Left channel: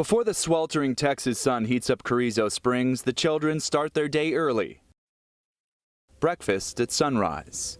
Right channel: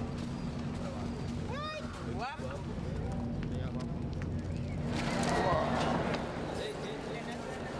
Before the sweltering Texas sun heats up Carrizo Springs, the children start their day early. Breakfast at sunrise.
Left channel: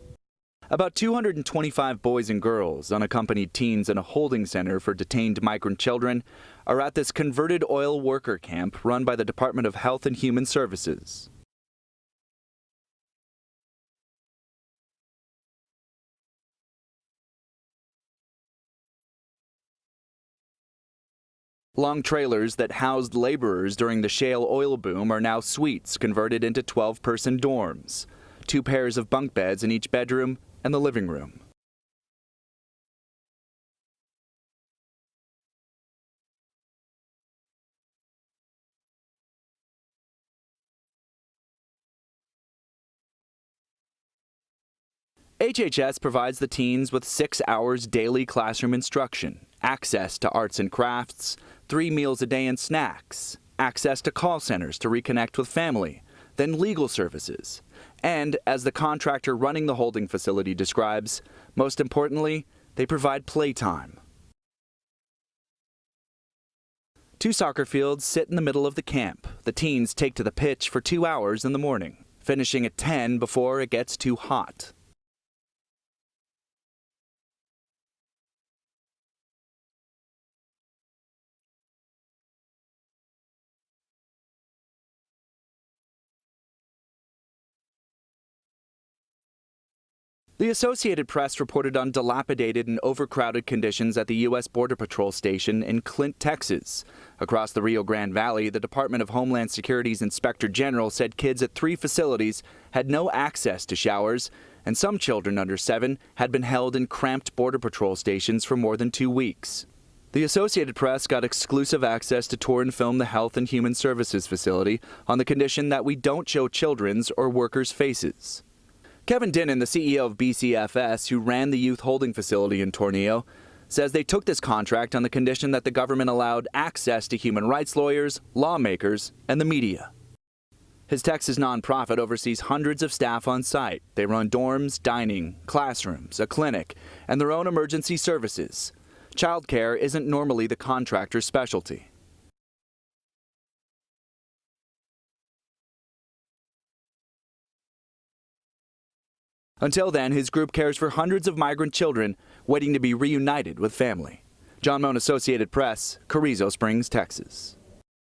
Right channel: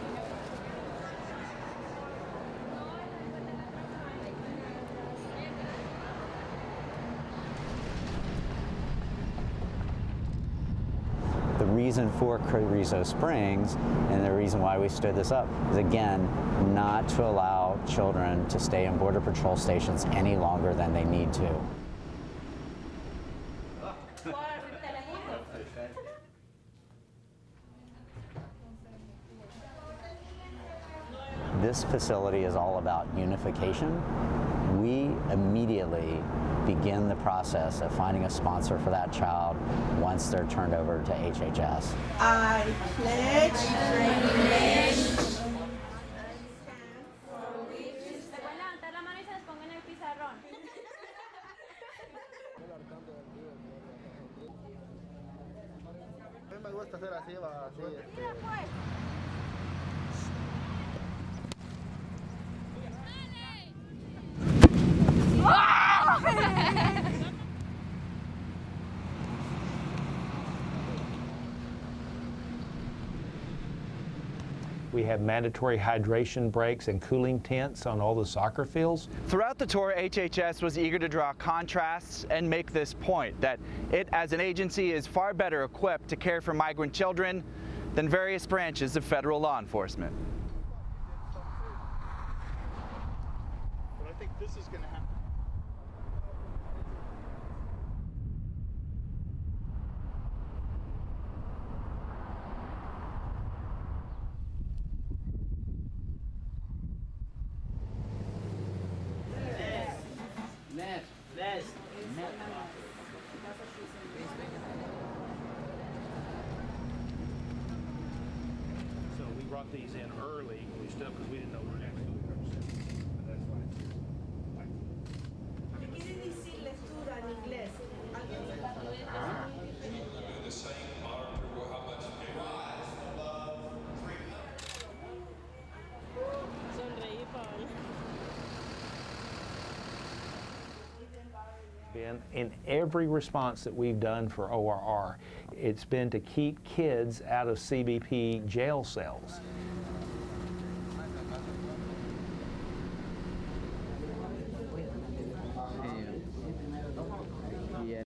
About 225 boys and girls, unaccompanied teens in a holding center for detained migrant children, are at this converted oil worker camp run by the Department of Health and Human Services. The reason for Carrizo Springs and the reason why we stood this up is, again, not to allow children to stay in Border Patrol stations any longer than they need to. Long trailers that housed laborers during the shale oil boom are now suites converted into 12-person dorms. 2 pairs of bunk beds in each bedroom and the living room. This facility is all about unification. We immediately begin the process of finding a sponsor for that child once they're turned over to HHS. I pledge. HHS provides the teens with 6 hours daily classroom instruction, access to arts and crafts, 3 meals a day and snacks, access to call centers to reconnect with family, then legal services. And as the contractor running the holding facility describes, most importantly, they provide playtime. 2 soccer fields sit in the middle of the camp. The teens take to the pitch for 2 hours in the morning, finishing at 10 before it gets too hot. We have mandatory hydration breaks and cooling tents on all the soccer fields. Throughout the tour, HHS was eager to draw contrasts and make this point, that it as an agency is far better equipped to care for migrant children than various branches of federal law enforcement. The Associated Press reported on dilapidated and overcrowded conditions at the U.S. Border Patrol station in Clint, Texas. Across the Rio Grande Valley, the Department of Homeland Security's Inspector General said kids at 3 facilities had no access to showers, and some children under 7 had been held in cramped Border Patrol stations for more than 2 weeks. The Associated Press got exclusive access to tour and film the Health and Human Services facility on the condition that we don't show children's or workers' faces. Kevin Dinnan, the CEO of BCFS, who ran the youth holding facility in Tornillo, says they took this contract on the condition that the government allowed access to human rights lawyers, lawmakers, and the media. His Texas nonprofit oversees hundreds of staff on site. They run dorms, dining, classrooms, a clinic, and their own emergency services. Childcare isn't normally the contractor's specialty. In every response that we've done for ORR, it's been to keep kids out of CBP jail cells. Until then, his group cares for hundreds of migrant children waiting to be reunited with family. John Moan, Associated Press, Carrizo Springs, Texas.